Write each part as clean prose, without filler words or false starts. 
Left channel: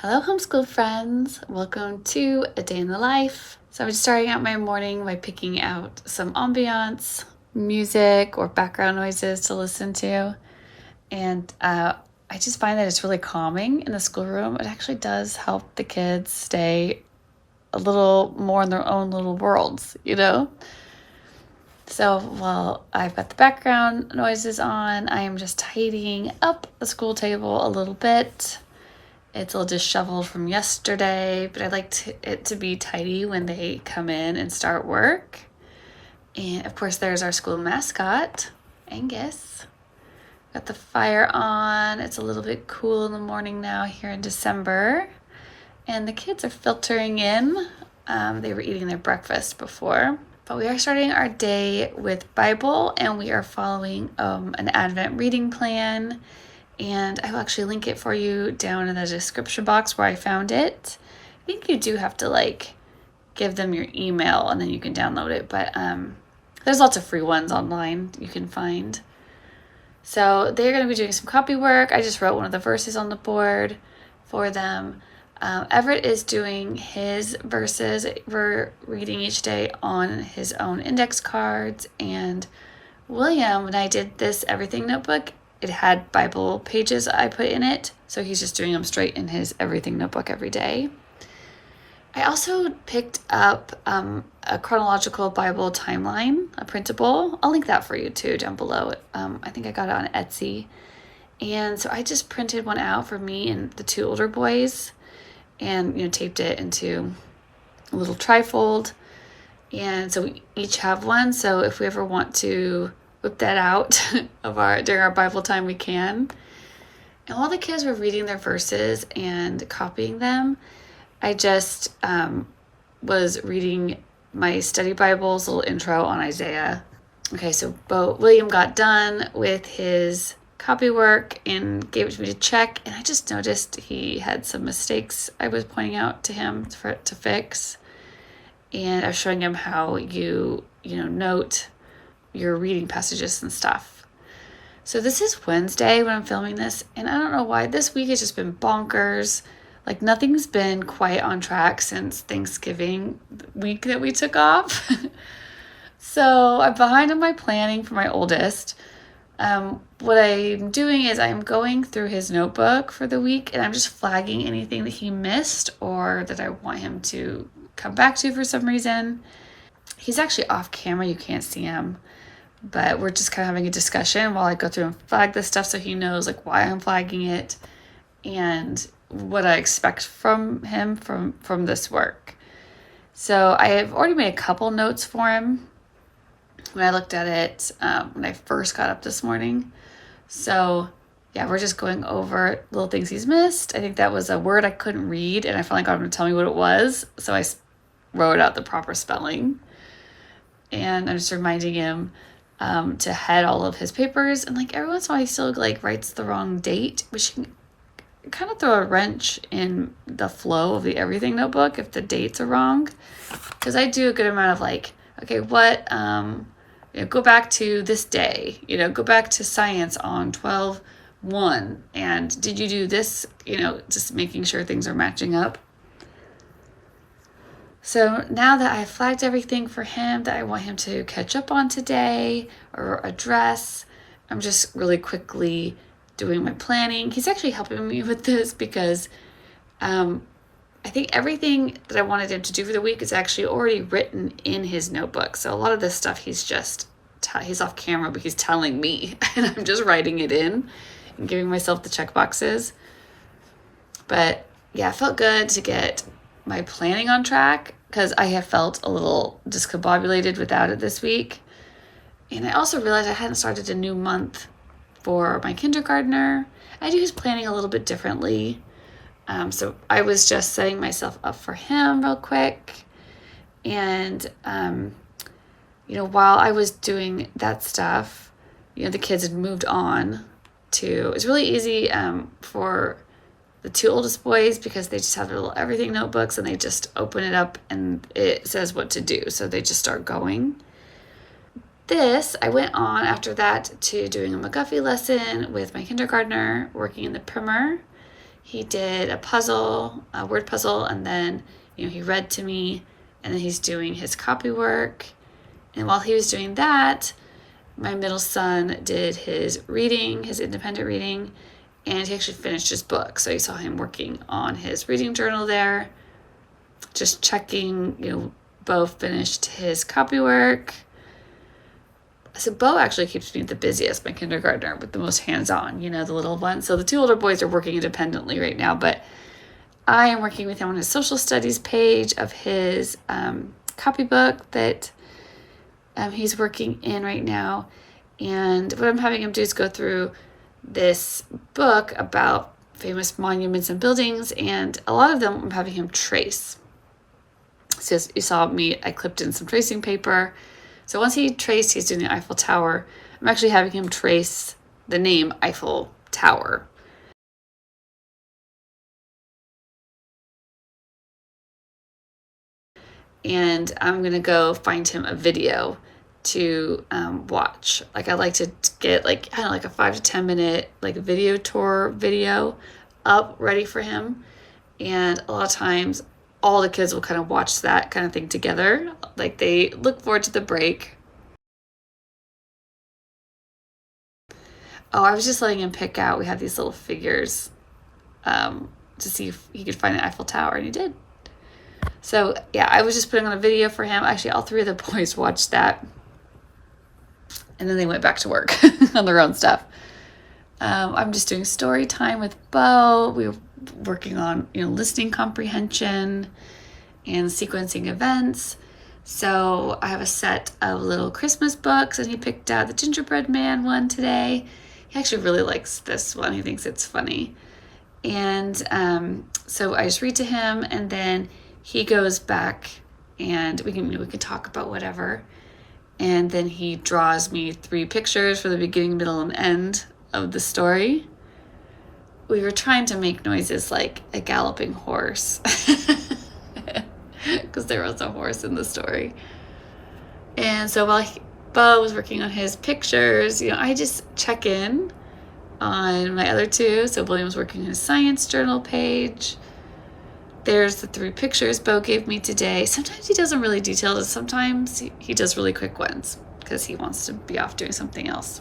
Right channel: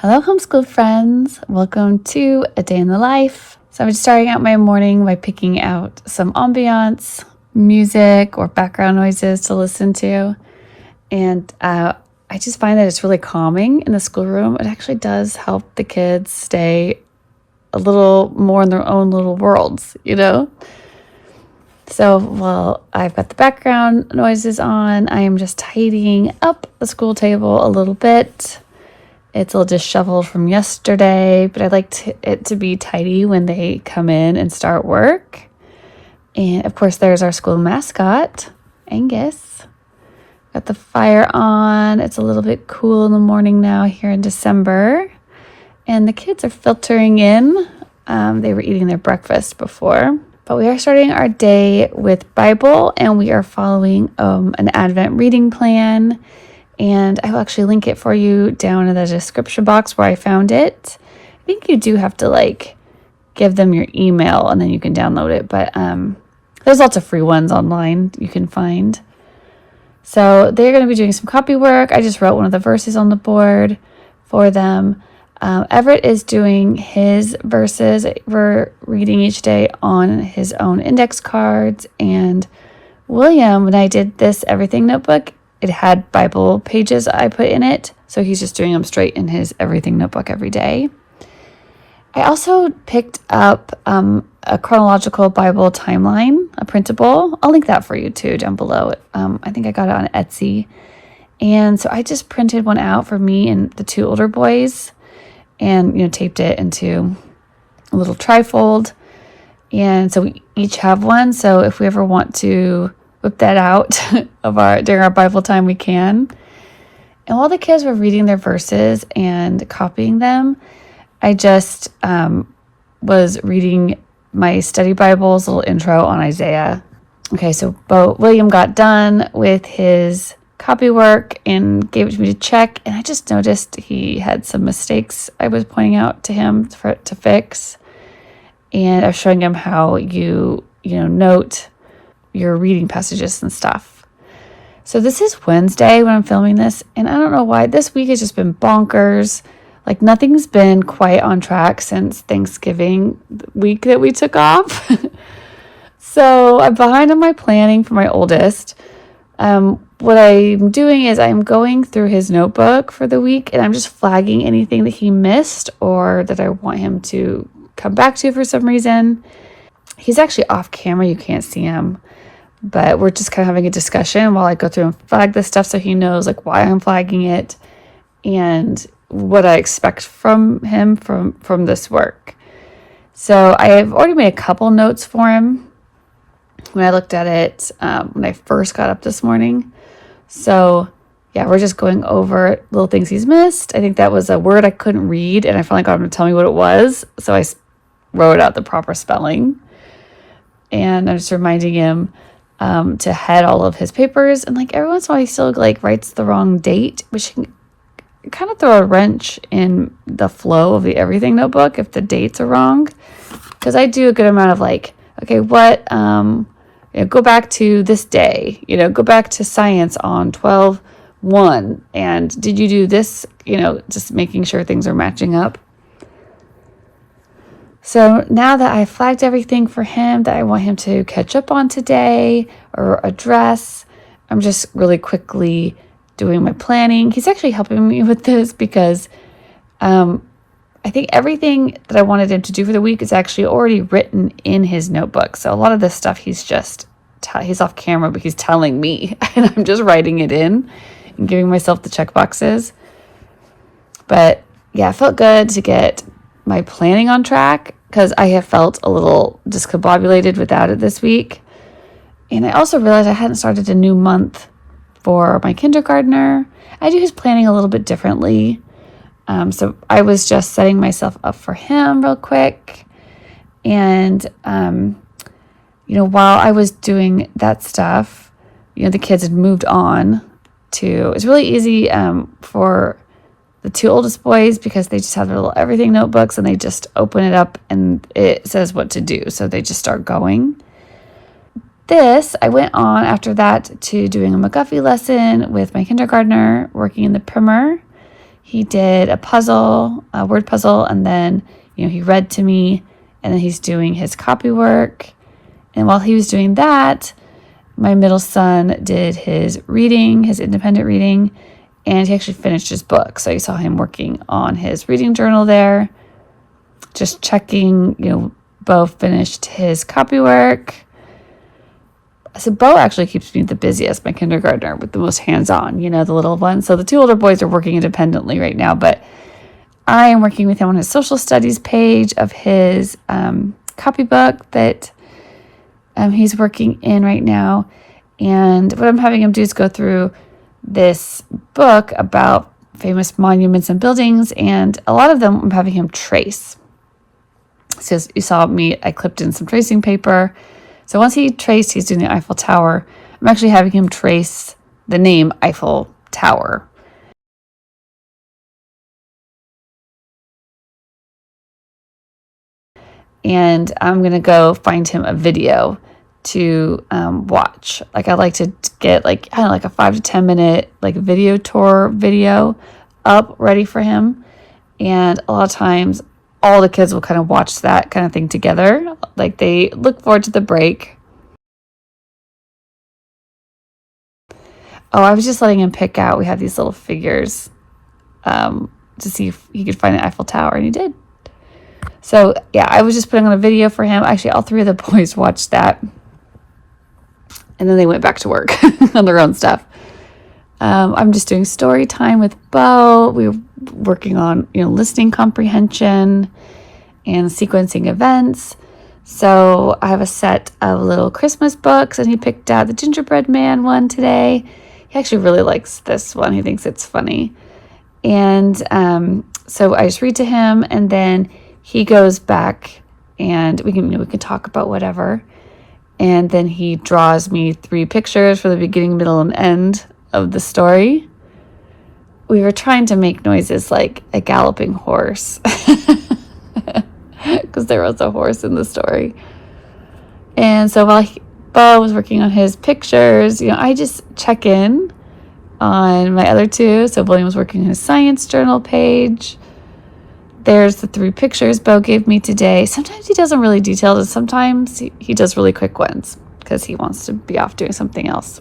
Hello, homeschool friends. Welcome to A Day in the Life. So I'm starting out my morning by picking out some ambiance, music, or background noises to listen to. And I just find that it's really calming in the schoolroom. It actually does help the kids stay a little more in their own little worlds. So while I've got the background noises on, I am just tidying up the school table a little bit. It's all disheveled from yesterday, but I like it to be tidy when they come in and start work. And of course, there's our school mascot, Angus. Got the fire on. It's a little bit cool in the morning now here in December. And the kids are filtering in. They were eating their breakfast before. But we are starting our day with Bible, and we are following an Advent reading plan. And I will actually link it for you down in the description box where I found it. I think you do have to give them your email and then you can download it. But there's lots of free ones online you can find. So they're going to be doing some copy work. I just wrote one of the verses on the board for them. Everett is doing his verses. We're reading each day on his own index cards. And William, when I did this Everything notebook, it had Bible pages I put in it. So he's just doing them straight in his Everything notebook every day. I also picked up a chronological Bible timeline, a printable. I'll link that for you too down below. I think I got it on Etsy. And so I just printed one out for me and the two older boys and, taped it into a little trifold. And so we each have one. So if we ever want to whip that out during our Bible time, we can. And while the kids were reading their verses and copying them, I just was reading my study Bible's little intro on Isaiah. Okay, so William got done with his copy work and gave it to me to check, and I just noticed he had some mistakes I was pointing out to him to fix. And I was showing him how you note your reading passages and stuff. So this is Wednesday when I'm filming this, and I don't know why this week has just been bonkers. Nothing's been quite on track since Thanksgiving week that we took off. So I'm behind on my planning for my oldest. What I'm doing is I'm going through his notebook for the week, and I'm just flagging anything that he missed or that I want him to come back to for some reason. He's actually off camera. You can't see him. But we're just kind of having a discussion while I go through and flag this stuff so he knows why I'm flagging it and what I expect from him from this work. So I have already made a couple notes for him when I looked at it when I first got up this morning. So yeah, we're just going over little things he's missed. I think that was a word I couldn't read, and I finally got him to tell me what it was. So I wrote out the proper spelling. And I'm just reminding him to head all of his papers. And every once in a while he still writes the wrong date, which can kind of throw a wrench in the flow of the Everything notebook if the dates are wrong. Because I do a good amount of okay, what, go back to this day, go back to science on 12/1. And did you do this, just making sure things are matching up. So now that I flagged everything for him that I want him to catch up on today or address, I'm just really quickly doing my planning. He's actually helping me with this because I think everything that I wanted him to do for the week is actually already written in his notebook. So a lot of this stuff he's off camera, but he's telling me and I'm just writing it in and giving myself the check boxes. But yeah, it felt good to get my planning on track because I have felt a little discombobulated without it this week. And I also realized I hadn't started a new month for my kindergartner. I do his planning a little bit differently. So I was just setting myself up for him real quick. And, while I was doing that stuff, the kids had moved on to, it's really easy for the two oldest boys because they just have their little Everything notebooks and they just open it up and it says what to do. So they just start going. I went on after that to doing a McGuffey lesson with my kindergartner working in the primer. he did a puzzle, a word puzzle, and then, he read to me, and then he's doing his copy work. And while he was doing that, my middle son did his reading, his independent reading, and he actually finished his book. So you saw him working on his reading journal there, just checking, Bo finished his copy work. So Bo actually keeps me the busiest, my kindergartner, with the most hands-on, the little one. So the two older boys are working independently right now, but I am working with him on his social studies page of his copybook that he's working in right now. And what I'm having him do is go through this book about famous monuments and buildings, and a lot of them I'm having him trace. So you saw I clipped in some tracing paper. So once he traced, he's doing the Eiffel Tower. I'm actually having him trace the name Eiffel Tower. And I'm going to go find him a video to watch. I like to get like a 5 to 10 minute video tour video up ready for him. And a lot of times all the kids will kind of watch that kind of thing together. They look forward to the break. Oh, I was just letting him pick out. We have these little figures to see if he could find the Eiffel Tower, and he did. So yeah, I was just putting on a video for him. Actually, all three of the boys watched that. And then they went back to work on their own stuff. I'm just doing story time with Bo. We were working on, listening comprehension and sequencing events. So I have a set of little Christmas books, and he picked out the Gingerbread Man one today. He actually really likes this one. He thinks it's funny. And so I just read to him, and then he goes back, and we can talk about whatever. And then he draws me 3 pictures for the beginning, middle, and end of the story. We were trying to make noises like a galloping horse because there was a horse in the story. And so while Bo was working on his pictures, I just check in on my other two. So William was working on his science journal page. There's the 3 pictures Bo gave me today. Sometimes he doesn't really detail it. Sometimes he does really quick ones because he wants to be off doing something else.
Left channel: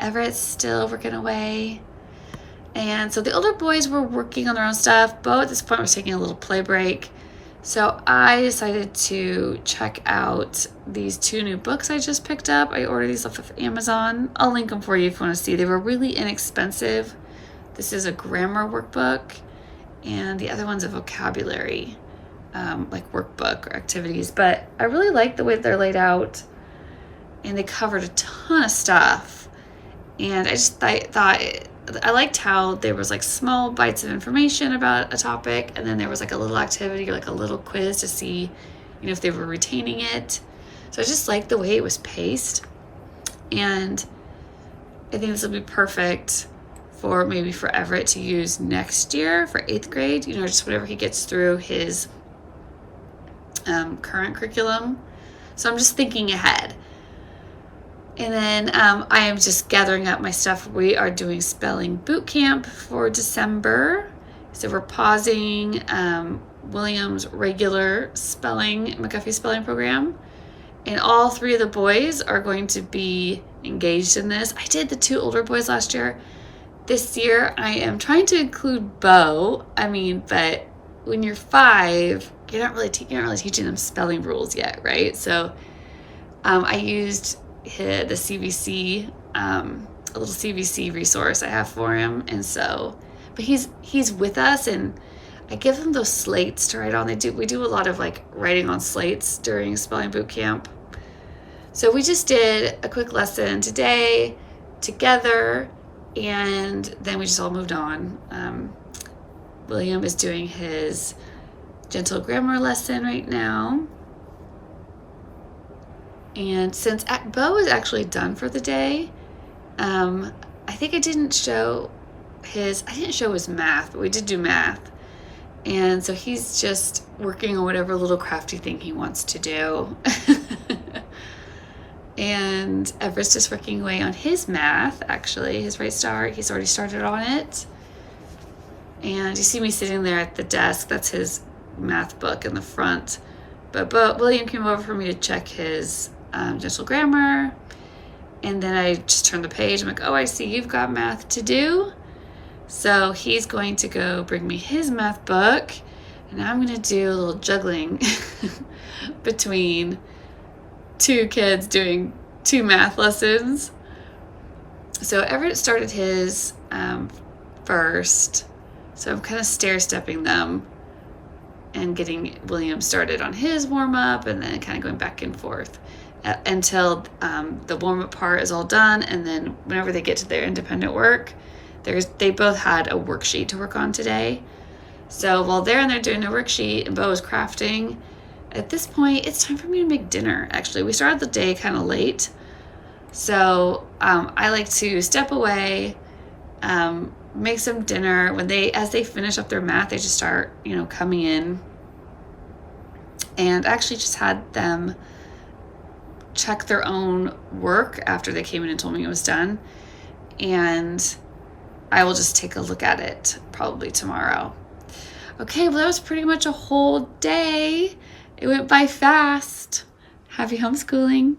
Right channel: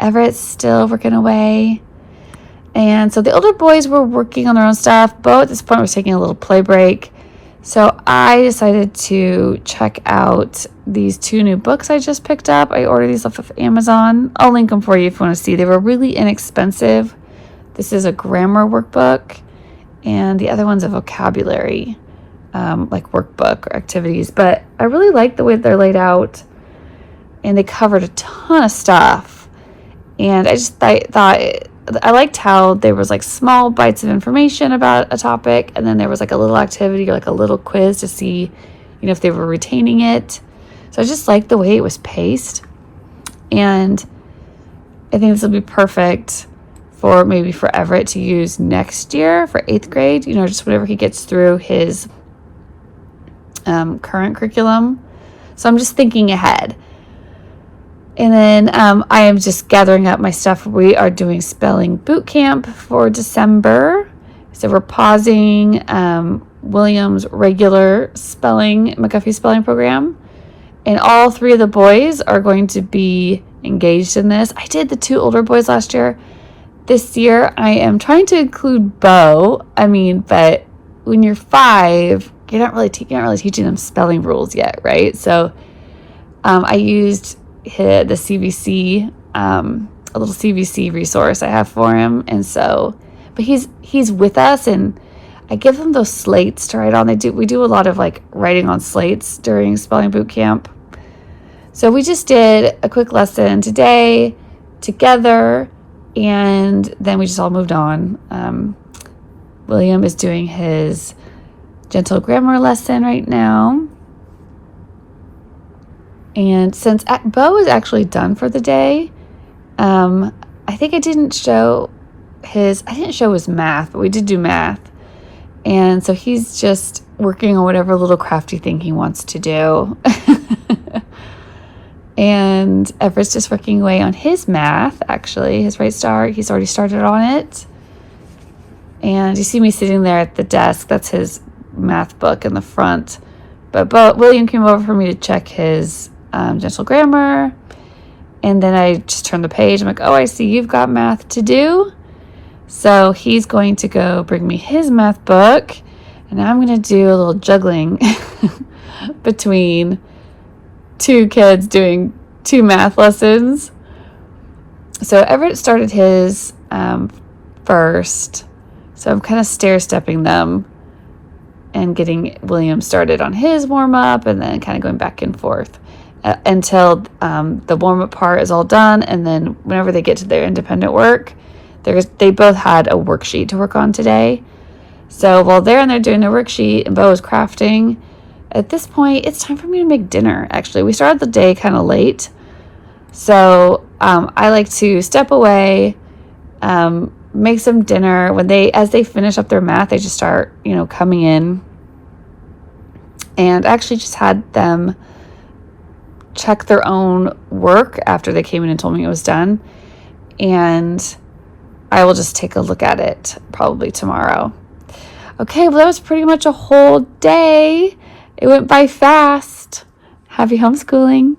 Everett's still working away. And so the older boys were working on their own stuff. Bo at this point was taking a little play break. So I decided to check out these 2 new books I just picked up. I ordered these off of Amazon. I'll link them for you if you want to see. They were really inexpensive. This is a grammar workbook, and the other one's a vocabulary workbook or activities. But I really like the way they're laid out, and they covered a ton of stuff. And I just thought I liked how there was small bites of information about a topic, and then there was a little activity or a little quiz to see, if they were retaining it. So I just liked the way it was paced, and I think this will be perfect for Everett to use next year for 8th grade. Just whenever he gets through his current curriculum. So I'm just thinking ahead. And then I am just gathering up my stuff. We are doing spelling boot camp for December. So we're pausing William's regular McGuffey spelling program. And all 3 of the boys are going to be engaged in this. I did the 2 older boys last year. This year, I am trying to include Bo. But when you're 5, you're not really teaching them spelling rules yet, right? So I used the CVC, a little CVC resource I have for him, and so, but he's with us, and I give him those slates to write on. We do a lot of writing on slates during spelling boot camp. So we just did a quick lesson today together, and then we just all moved on. William is doing his gentle grammar lesson right now. And since Bo is actually done for the day, I think I didn't show his math, but we did do math. And so he's just working on whatever little crafty thing he wants to do. And Everett's just working away on his math, actually, his Right Start. He's already started on it. And you see me sitting there at the desk. That's his math book in the front. But William came over for me to check his gentle grammar. And then I just turned the page. I'm like, oh, I see you've got math to do. So he's going to go bring me his math book. And I'm going to do a little juggling between two kids doing two math lessons. So Everett started his first. So I'm kind of stair-stepping them and getting William started on his warm-up and then kind of going back and forth until the warm-up part is all done. And then whenever they get to their independent work, they both had a worksheet to work on today. So while they're in there doing their worksheet and Bo is crafting, at this point, it's time for me to make dinner, actually. We started the day kind of late. So I like to step away, make some dinner. As they finish up their math, they just start, coming in. And I actually just had them check their own work after they came in and told me it was done. And I will just take a look at it probably tomorrow. Okay, well, that was pretty much a whole day. It went by fast. Happy homeschooling.